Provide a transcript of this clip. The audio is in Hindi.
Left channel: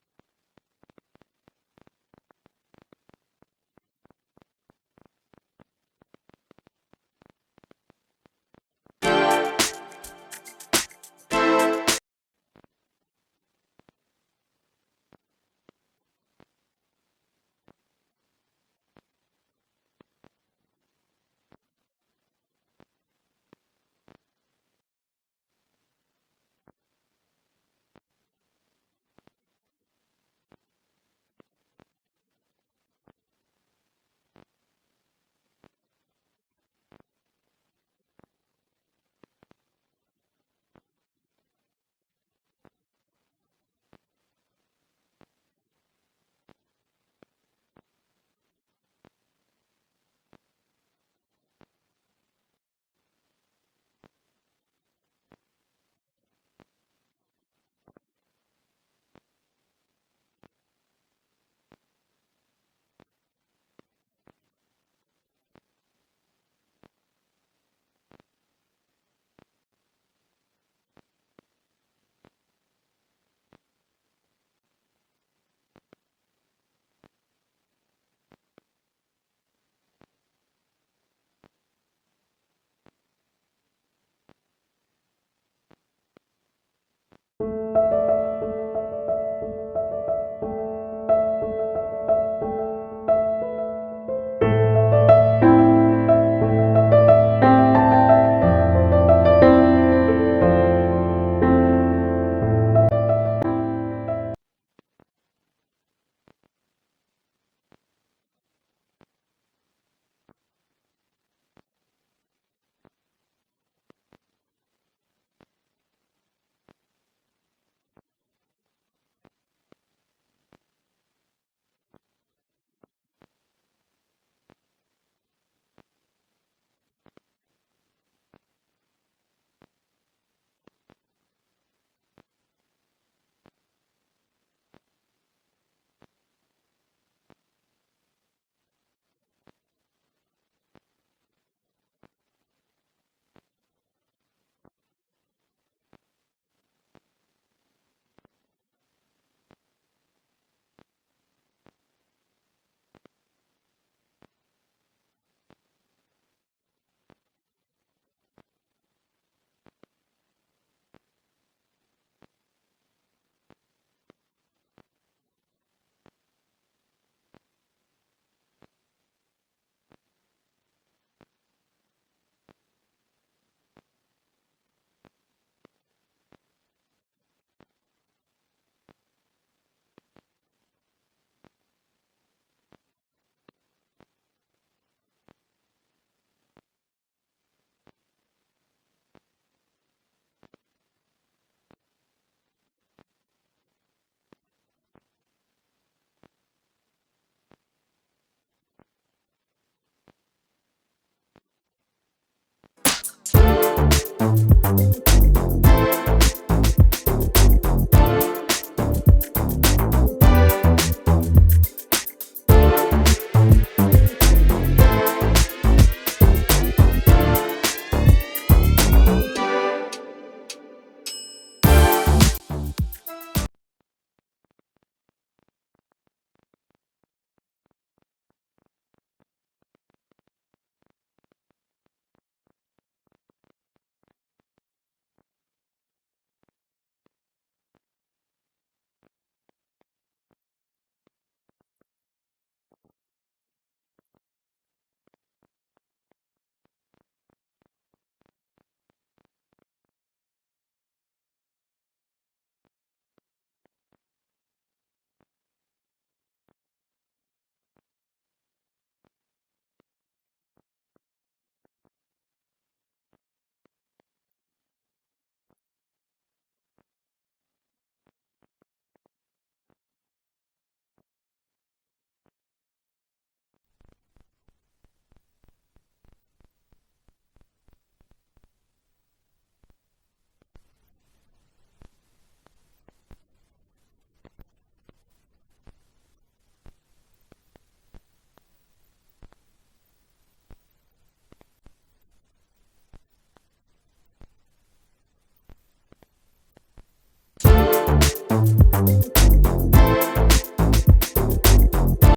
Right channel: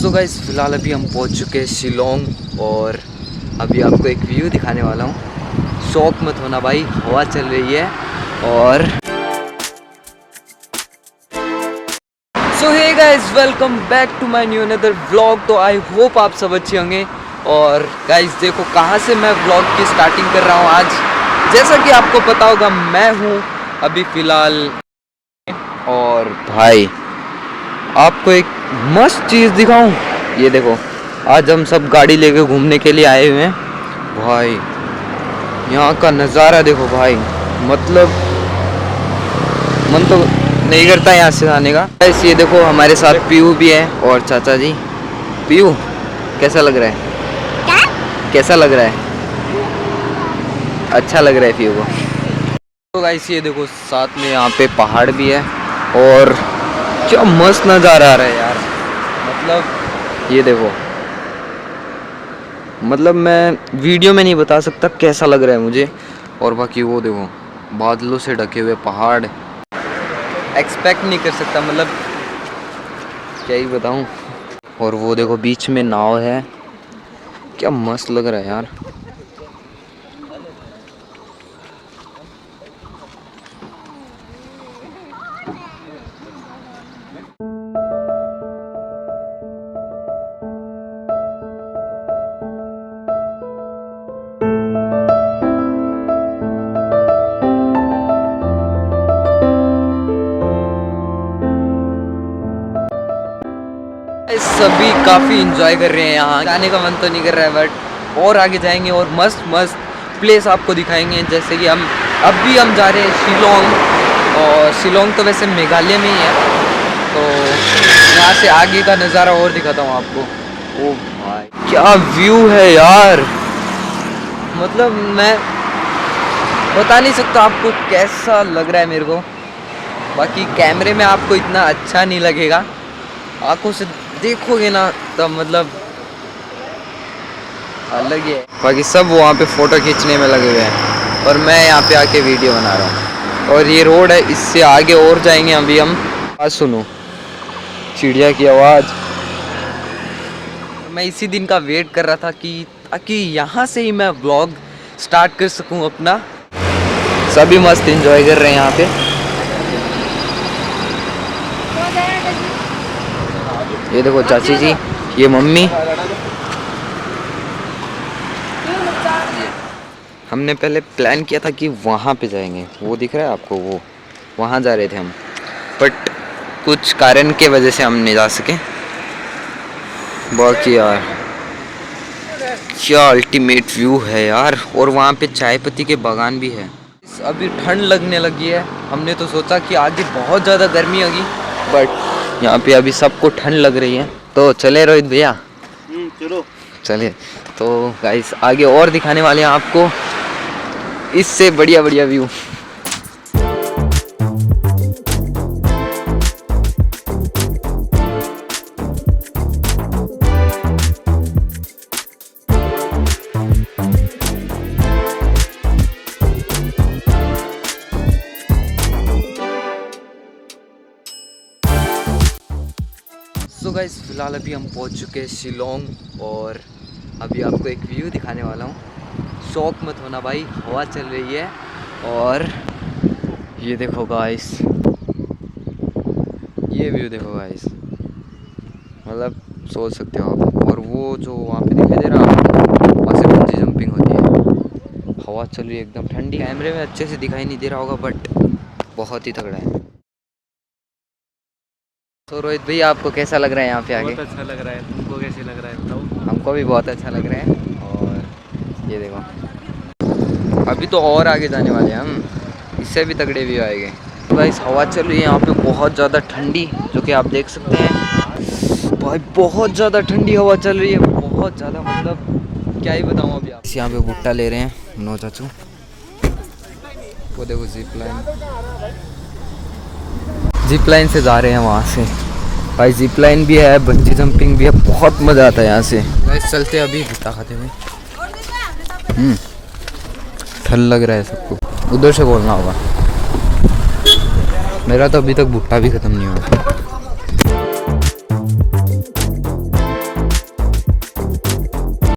सो गाइस फ़िलहाल अभी हम पहुंच चुके हैं शिलोंग और अभी आपको एक व्यू दिखाने वाला हूं। शौक मत होना भाई, हवा चल रही है। और so hey guys, welcome back to my new another vlog. तो आई होप आप सब अच्छे होंगे। और गाइस देखो कहां से मैं व्लॉग की स्टार्टिंग कर रहा हूं आज। जैसा कि आपको पता होगा, मैं हूं अभी फ़िलहाल। और भाई आपको एक मस्त चीज़ दिखाऊं, ये देखो। आज हम सब गाड़ी लेके घूमने के लिए आए हुए हैं भाई। यहाँ का नज़ारा देखो भाई, मतलब मन तो नहीं करता यहाँ से आने का। बस ये देखो हमारे साथ पीयू भी है और चाचा जी। पीयू कैसा लग रहा है? कैसा लग रहा है? अच्छा लग रहा है पीयू को। तो गाइस ये देखो साथ में यहाँ पे पहाड़ भी है और क्या मस्त नज़ारा आ रहा है यार। मतलब ये देखो, मतलब मैं वीडियो में नहीं बता सकता कैसा लग रहा है मुझे। और बाकी वो देखो बादलों से ढके हुए पहाड़, एक्सपेक्ट नहीं कर सकता, मतलब क्या ही बताऊं। और वो देखो बीच में नाव है, क्या मस्त लग रहा है यार। सभी काफ़ी इंजॉय कर रहे हैं यहाँ। जाने का मन तो नहीं कर रहा है, बट और आगे जाएंगे और मस्त मस्त प्लेस आपको दिखाएंगे। जैसे कि अभी हम जा रहे हैं शिलोंग। और शिलोंग तो वैसे मेघालय में ही है, तो यहाँ से आगे का नज़ारा और दिखाता हूँ आपको। ओ भाई क्या व्यू है यार, मतलब मैं बता नहीं सकता आपको कैसा लग रहा है मेरे को। बाकी कैमरे में आपको इतना अच्छा नहीं लगेगा, आंखों से देखोगे ना तब मतलब अलग ही है। बाकी सब वहाँ पे फ़ोटो खींचने में लगे हुए हैं और मैं यहाँ पे आके वीडियो बना रहा हूँ। और ये रोड है, इससे आगे और जाएंगे अभी हम। आवाज़ सुनो, चिड़िया की आवाज़। मैं इसी दिन का वेट कर रहा था कि ताकि यहाँ से ही मैं व्लॉग स्टार्ट कर सकूँ अपना। सभी मस्त एंजॉय कर रहे हैं यहाँ पे। ये देखो चाची जी, ये मम्मी। हमने पहले प्लान किया था कि वहाँ पे जाएंगे, वो दिख रहा है आपको, वो वहाँ जा रहे थे हम, बट कुछ कारण के वजह से हम नहीं जा सके। बाकी यार क्या अल्टीमेट व्यू है यार। और वहाँ पे चाय पत्ती के बागान भी है। अभी ठंड लगने लगी है। हमने तो सोचा कि आगे बहुत ज़्यादा गर्मी होगी, बट यहाँ पे अभी सबको ठंड लग रही है। तो चले रोहित भैया, चलो चलिए। तो गाइस आगे और दिखाने वाले हैं आपको इससे बढ़िया बढ़िया व्यू। सो गाइस फ़िलहाल अभी हम पहुंच चुके हैं शिलोंग और अभी आपको एक व्यू दिखाने वाला हूं। शौक मत होना भाई, हवा चल रही है। और ये देखो गाइस, ये व्यू देखो गाइस, मतलब सोच सकते हो आप। और वो जो वहाँ पे दिखाई दे रहा है आपको, वहाँ से बंजी जंपिंग होती है। हवा चल रही है एकदम ठंडी। कैमरे में अच्छे से दिखाई नहीं दे रहा होगा, बट बहुत ही तगड़ा है। तो रोहित भैया आपको कैसा लग रहा है यहाँ पे आके? बहुत अच्छा लग रहा है। तुमको कैसे लग रहा है बताओ? हमको भी बहुत अच्छा लग रहा है। और ये देखो अभी तो और आगे जाने वाले हैं हम, इससे भी तगड़े व्यू आएंगे। तो गाइस हवा चल रही है यहाँ पे बहुत ज़्यादा ठंडी, जो कि आप देख सकते हैं भाई। बहुत ज़्यादा ठंडी हवा चल रही है, बहुत ज़्यादा, मतलब क्या ही बताऊँ अभी आप। यहाँ पे भुट्टा ले रहे हैं नो चाचू। वो देखो जिप लाइन से जा रहे हैं वहाँ से भाई। जिप लाइन भी है, बंजी जंपिंग भी है, बहुत मज़ा आता है यहाँ से। गाइस चलते हैं अभी भुट्टा खाते हुए। ठंड लग रहा है सबको, उधर से बोलना होगा। मेरा तो अभी तक भुट्टा भी ख़त्म नहीं हुआ।